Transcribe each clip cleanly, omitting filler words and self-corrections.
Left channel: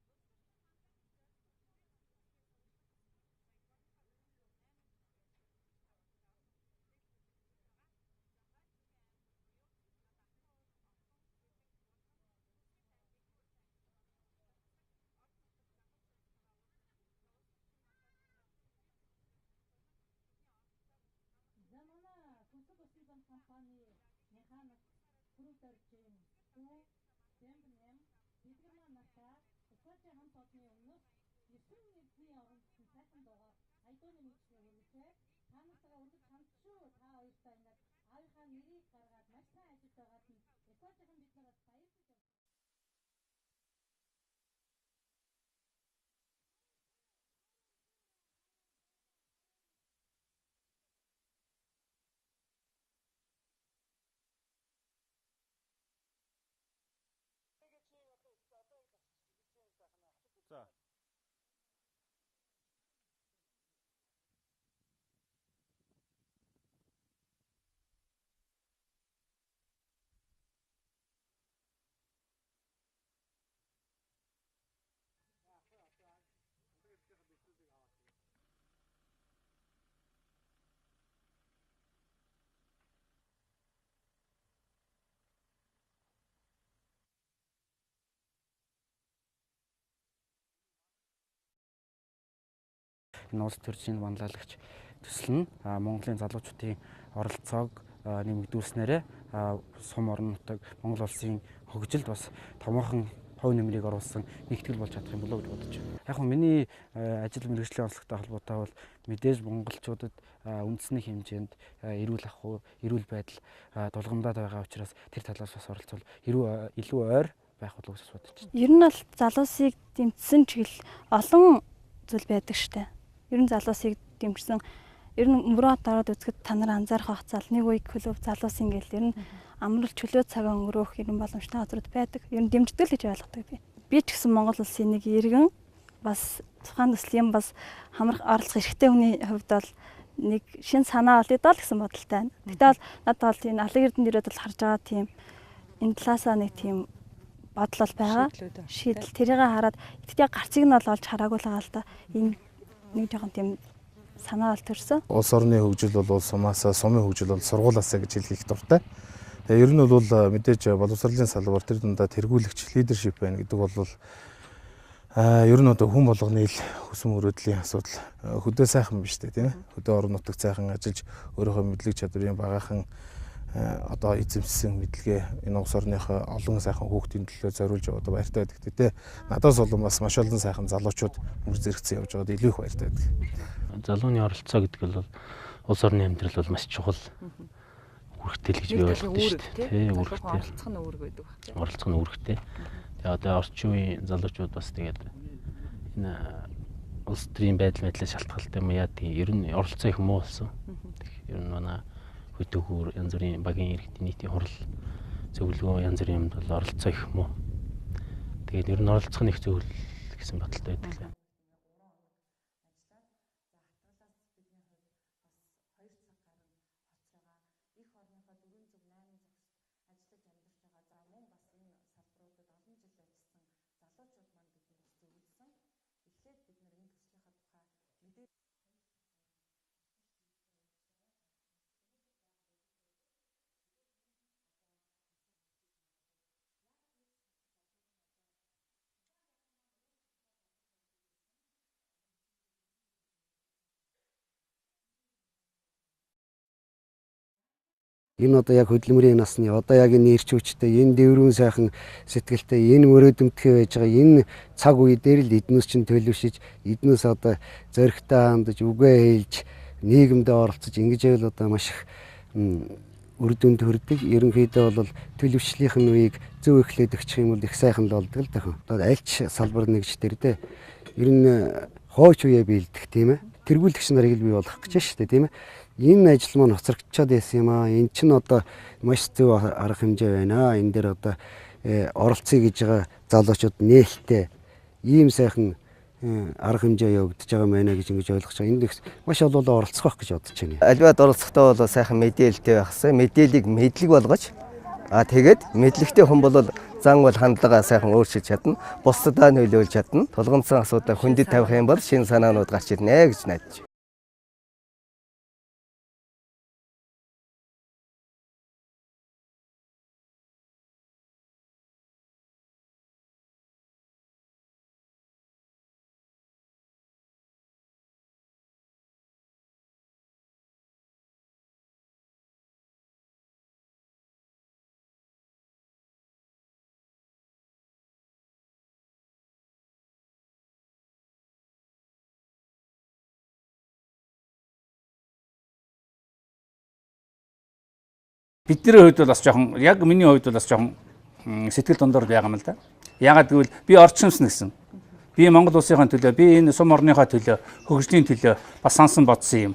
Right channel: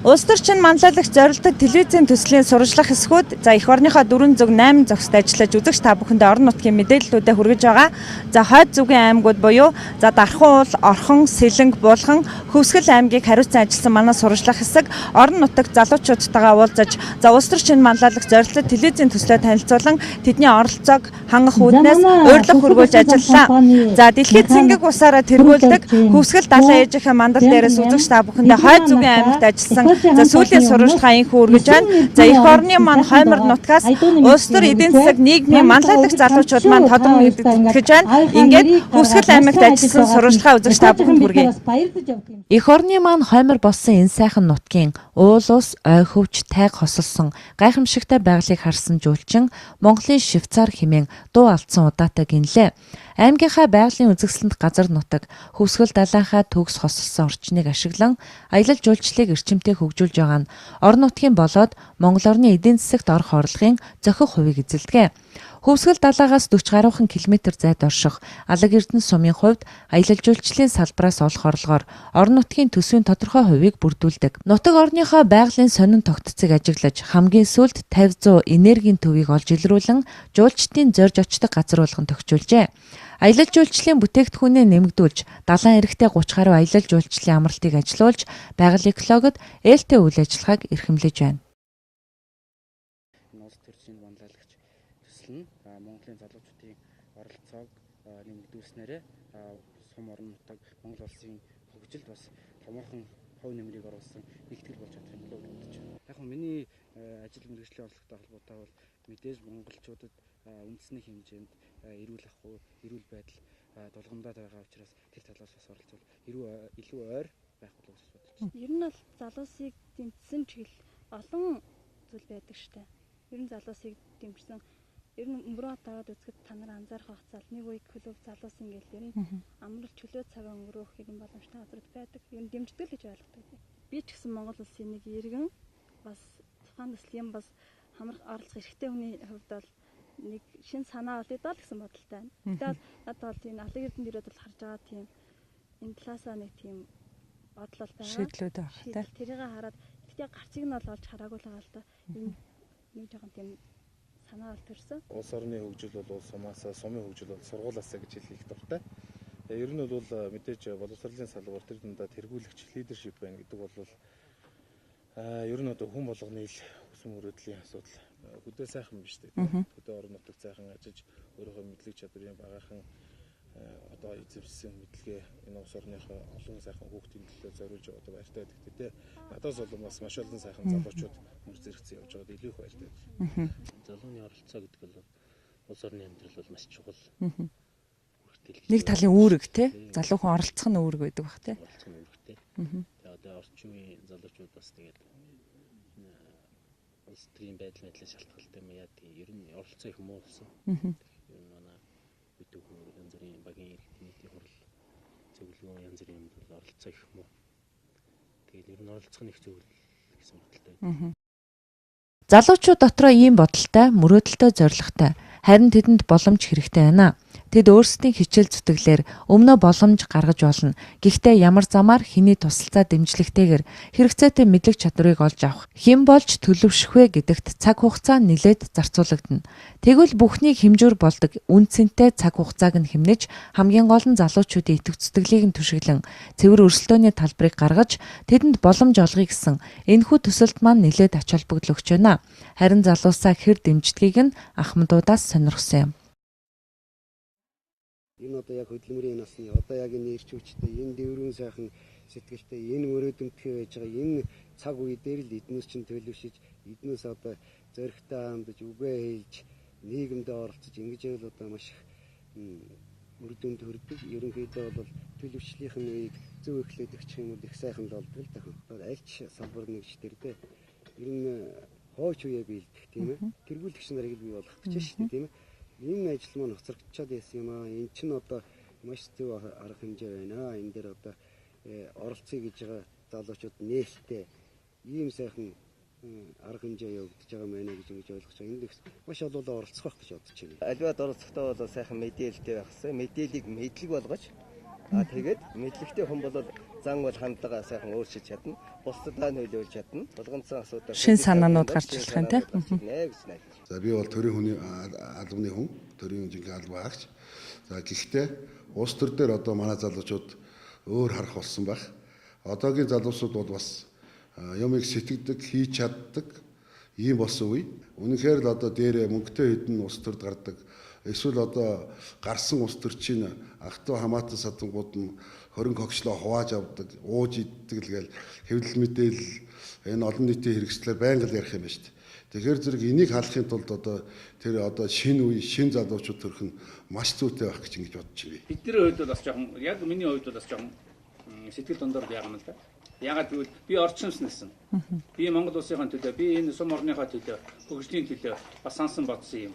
Улс төрчин манлайлагч зорилдог телевизийн төслийн сурвалжлах хэсгүүд эх орныхоо 408 зохист ажиллаж үзэгч та бүхэндээ орон нутгийн мэдээллүүдэд хүргэж байгаа. Хойд зүгийн аймагуд буюу Дархан уул, Орхон, Сэлэнг, Булхан, Хөвсгөл аймгийг хариуцсан ажилласан манай сурвалжлах хэсэг орон нутагт залуучуудтайгаа уулзаж улс төрчин манлайлагч зорилдог телевизийн төслөө танилцуулан тэдний оролцоог хангах үүднээс урьдлах хөргүүлж ажиллалаа. Дэлхийд цэнгэг усаараа тэргүүлдэг Хөвсгөл далайн ээжийнхээ мандал дээрээс үзэгч та бүхэндээ хойд зүгийн аймагт ажилласан сүүлийн сурвалжлагаа инхүү үргэж байна. Эх орны маань Хоймор нутгаас улс төр эдийн засаг нийгмийн манлайлагч залуучууд маань тодорхой мэдэгдэж байна. Ингээд Хөвсгөл аймагт ажилласан сурвалжлагаа үзэгч та бүхэнд хүргэе. Эх орны маань Хоймор болсон энэ сайхан нутгийн уул ус, ой хөвч, тайг хосолсон гайхамшигтай байгалыг харсан жуулчин Монголын Швейцар хэмээн дуу алдсан удаатай гинлээ. Аймгийнхаа байгалийн үзэсгэлэнт газар нутаг Хөвсгөл далайхаа төгс хосолсон орчныг ашиглан аялал жуулчлалыг эрчимтэй хөгжүүлж байгаа нь орон нутгийн болоод Монгол орны эдийн засагт орох орлогын зохих хувийг эзэлдэг. Хөвсгөл далайгаас 40 гаруйхан километр зайд орших Алаг Эрдэнэ сумын хувьд аялал жуулчлалын салбараас олох орлогоор орон нутгийн төсвийн тодорхой хувийг бүрдүүлдэг. Нутаг орныхоо байгалийн сонин тогтцыг ажиглаж хамгийн сүүлд 50-100 энергийн төвийг олж илрүүлэн жуулчдын зорж очдог газар болгон тохижуулжээ. Аялал жуулчлалын бүтээгдэхүүнээ нэмэгдүүлж, далайн эрэгтэй 30 гаруй аялал жуулчлалын амралтыг ажилуулж, байгаль экологид ээлтэй үйл ажиллагааг эрхэмлэж байна. Энэ улс төрчийн манлайлагч төсөл нь Монголын залуучуудын оролцоог нэмэгдүүлснээр сум орон нутаг Монгол улсын хөгжилд бас томоохон хувь нэмрийг оруулсан нэгтгэл болж чадах юм болов уу гэж бодож байна. Яг нь миний ажил мэргэжлийн онцлогтой холбоотой бол мэдээж монголчуудад үндэсний хэмжээнд эрүүл ахуй, эрүүл байдал тулгамдаад байгаа учраас тэр талаас бас оролцвол илүү ойр байх болов уу гэж бодож байна. Ер нь бол залуусыг дэмжсэн чиглэл олон зүйл байдаг штэ. Ер нь залуусыг дэмжсэн ер нь мөрөөд ороод үзэхэд та нар анзаарах хацаал нэг үе клуб залуусын гэл ер нь амрал чөлөө цагаа өнгөрөөх ер нь боломжтой газрууд байдаг. Ер нь дэмждэг л гэж ойлгодог би. Би ч гэсэн Монгол улсын нэг иргэн бас тухайн төслийн бас хамрах оролцох эрхтэй хүний хувьд бол нэг шин санаа олъё гэсэн бодолтой байна. Гэтэл бол надад бол энэ Алаг Эрдэнэт ирээд бол харж байгаа тийм энэ талаасаа нэг тийм бодол бол байгаа. Шийдэл тэрийг хараад ихдээ гарцыг нь бол олж хараагүй л байгаа л да. Энэ нэг жоохон тийм санаа бол төрсөн. Улс орны хөгжил бол улс сумаасаа, сумын хөгжил бол сургуулаасаа гэж хэлэх дуртай. Ер нь бол мэдээж боловсролын салбар тэр дундаа тэргүүлэгч лидершип байна гэдэг бол ер нь одоо хүн болгоны ил хүсэм мөрөөдлийн асуудал хөдөө сайхан биш тийм. Хөдөө орон нутагт сайхан ажиллаж өөрийнхөө мэдлэг чадварын багаахан одоо эзэмшсэн мэдлэгээ энэ улс орныхоо олон сайхан хүүхдийн төлөө зориулж яваад баяртай байдаг тийм. Надаас болон бас маш олон сайхан залуучууд мөр зэрэгцэн явж байгаад илүү их баяртай байдаг. Залууны оролцоо гэдэг бол улс орны амьдрал бол маш чухал. Үүрэгтэй л гэж нэг талын үүрэг тийм. Залуухан оролцох нь үүрэг байдаг баг тийм. Оролцох нь үүрэгтэй. Тэгээ одоо орчин үеийн залуучууд бас тэгээд энэ улс төрийн байдлаас шалтгаалтай юм яа тийм ер нь оролцоо их муу болсон. Ер нь манай хөтөөхөр янз бүрийн багийн иргэдийн нийтийн хурал зөвлөгөө янз бүрийн юмд бол оролцоо их муу. Тэгээд ер нь оролцох нь их зөв гэсэн бодолтой байдаг. Залуучууд дотроо ийм бодолтой, мөрөөдөлтөй, зоригтой. Харин тэдэнд боломж хэрэгтэй байна. Тэд өөрсдийн хичээл зүтгэлээр өмнөө боломж гаргаж болно. Гэхдээ ямар замаар хэний тусалцаа дэмжлэгтэйгээр хэрэгцээтэй мэдлэг чадварыг олж авах, хэн болж төлөвшөх вэ гэдэгт цаг хугацаа нэлээд зарцуулагдана. Тэгвэл бүхнийг хэмжүүр болдог үн цэнтэй цаг хугацааг нь хэмнэж хамгийн гол нь залуучуудын итгэв зүтгэлийг нь түшиглэн цэвэр өрсөлдөөний талбарыг гаргаж тэдэнд боломж олгоё гэсэн энэхүү төсөлд маань нэлээд ач холбогдол өгч байна. Харин залуусаа хэр дэмждгийг нь Ахмадуудаас сонирхсон юм. Энэ одоо яг хөдөлмөрийн насны одоо яг энэ ирч хүчтэй энэ дэврүүн сайхан сэтгэлтэй энэ мөрөөдөмтгий байж байгаа энэ цаг үе дээр л эднээс чинь төлөвшөж эднээс одоо зоригтой хандаж үгээ хэлж нийгэмдээ оролцож ингэж байвал одоо маш их үр дүнд хүрдэг. Ерөнхийдөө бол төлөвшлийнх нь үеийг зөв эхлээд өгчих юм бол их сайхан л болдог л даа. Одоо аль ч салбар нэгж тэр дээ. Ер нь хойч үеэ биелдэх тийм ээ. Тэргүүлэгч нарыг л бий болгох гэж шүү дээ тийм ээ. Энэ ажил маань хоцрогдчиход байсан юм аа. Энд чинь одоо маш зөв арга хэмжээ байна. Энэ дээр одоо оролцъё гэж байгаа залуучууд нээлттэй ийм сайхан арга хэмжээ явагдаж байгаа мэнэ гэж ингэж ойлгож байгаа. Энд их маш олон оролцох байх гэж бодож байна. Альваад оролцохдоо бол сайхан мэдээлэлтэй байх хэрэгтэй. Мэдээллийг мэдлэг болгож тэгээд мэдлэгтэй хүн бол зан бол хандлагаа сайхан өөрчилж чадна. Бусдаа нөлөөлж чадна. Тулгамдсан асуудал хүндэт тавих юм бол шинэ санаанууд гарч ирнэ гэж найдаж. За би бол төрийн хүний албаны хүн, төрийн жинхэнэ албан хаагч. За гэхдээ улс төр дээр одоо манай залуучууд өөр харах болсон байх. Одоогийн залуусууд бол бас юмыг сэтгэдэг, хийж чаддаг ийм болсон үе. Үнэхээр л одоо дээр мөнгөтэй хэдэн улс төрд гардаг. Эсвэл одоо гарсан улс төр чинь ахтуу хамаатан садангууд нь хорин когчлоо хувааж авдаг, ууж иддэг л гээл хэвлэл мэдээлэл энэ олон нийтийн хэрэгслээр байнга л ярих юм байна шүү дээ. Тэгэхээр зэрэг энийг халахын тулд одоо тэр одоо шинэ үе, шинэ залуучууд төрөх нь маш зүйтэй байх гэж ингэж бодож байна. Бидний хувьд бол бас жоохон яг миний хувьд бол бас жоохон сэтгэл дундор байгаа юм л да. Ягаад гэвэл би орчимс нэгсэн. Би Монгол улсынхаа төлөө, би энэ сум орныхоо төлөө, хөгжлийн төлөө бас сансан бодсон юм.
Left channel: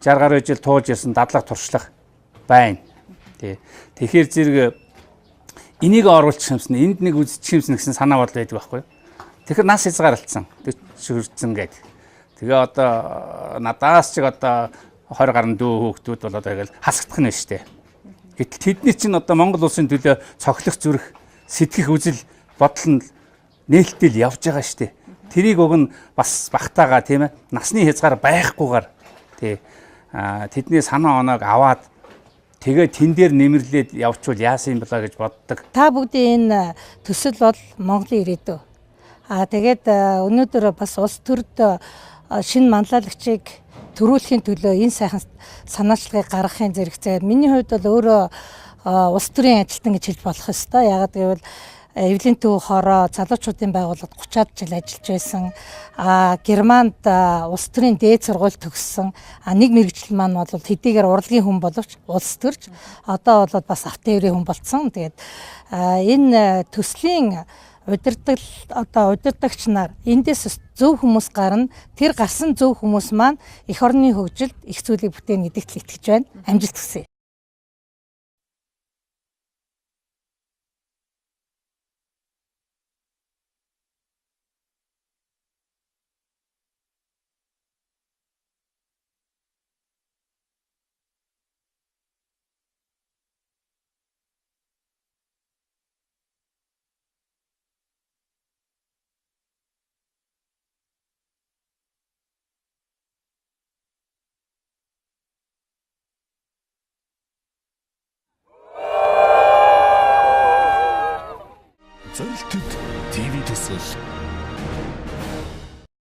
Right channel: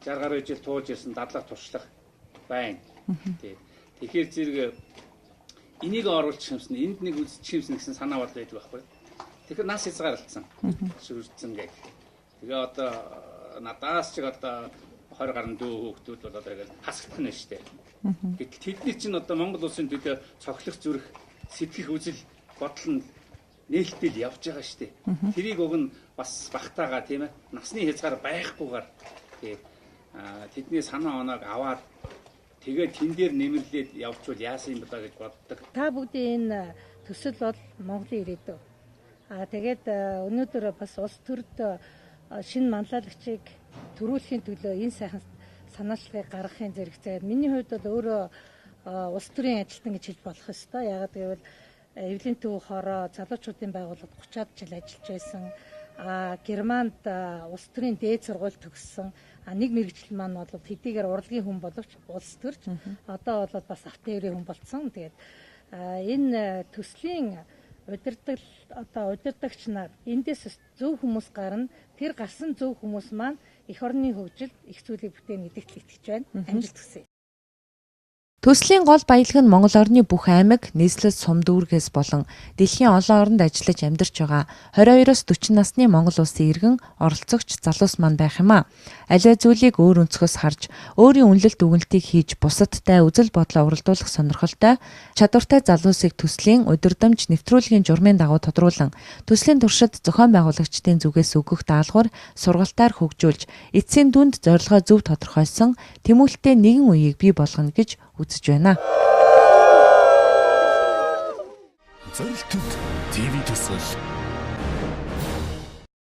60 гаруй жил тууж ирсэн дадлаг туршлах байна. Тэгэхээр зэрэг энийг оруулах юмсан, энд нэг үзчих юмсан гэсэн санаа бодол байдаг байхгүй юу? Тэгэхээр нас хязгаарлалцсан. Шүрдсэн гэдэг. Тэгээ одоо надаас ч одоо 20 гаруй дүү хүүхдүүд бол одоо ингээл хасагдах нь штэ. Гэтэл тэдний чинь одоо Монгол улсын төлөө цоглох зүрх, сэтгэх үзэл бодол нь нээлттэй явж байгаа штэ. Тэрийг уг нь бас багтаага тийм ээ. Насны хязгаар байхгүйгээр тий тэдний санаа оноог аваад тэгээ тэн дээр нэмэрлээд явчвал яасан юм бэлаа гэж боддог. Та бүгдийн энэ төсөл бол Монголын ирээдүй. Тэгээд өнөөдөр бас улс төрд шинэ манлайлагчийг төрүүлэхийн төлөө энэ сайхан санаачлагыг гаргахын зэрэгцээ. Миний хувьд бол өөрөө улс төрийн ажилтан гэж хэлж болох ёстой. Яагаад гэвэл Эвлийн төв хороо залуучуудын байгууллагад 30-аад жил ажиллаж байсан. Германд улс төрийн дээд сургууль төгссөн. Нэг мэргэжил маань бол хэдийгээр урлагийн хүн боловч улс төрч одоо бол бас автоэврийн хүн болцсон. Тэгээд энэ төслийн удирдагч нар эндээс зөв хүмүүс гарна. Тэр гарсан зөв хүмүүс маань эх орны хөгжилд их зүйлийг бүтээн гэдэгт л итгэж байна. Амжилт хүсье. Төслийн гол баялаг нь Монгол орны бүх аймаг, нийслэл, сум дүүргээс болон дэлхийн олон оронд ажиллаж амьдарч байгаа 22-оос 40 насны Монгол улсын иргэн оролцогч залуус маань байх юм а. Аливаа зүйлийг өөр өнцгөөс харж, өөрийн үнэлэлт дүгнэлтийг хийж, бусадтай үзэл бодлоо уралдуулах сонирхолтой, чадвартай залуусыг төслийн удирдамж нэвтрүүлгийн журмын дагуу тодруулан, төслийн туршид зохион байгуулагчдын зүгээс өгөх даалгавар сургалтаар хөгжүүлж, эцсийн дүнд зорилгоо зөв тодорхойлсон тэмүүлэлтэй нэгэн үеийг бий болгоно гэж үзэж байна. Зорилтод ТV төсөл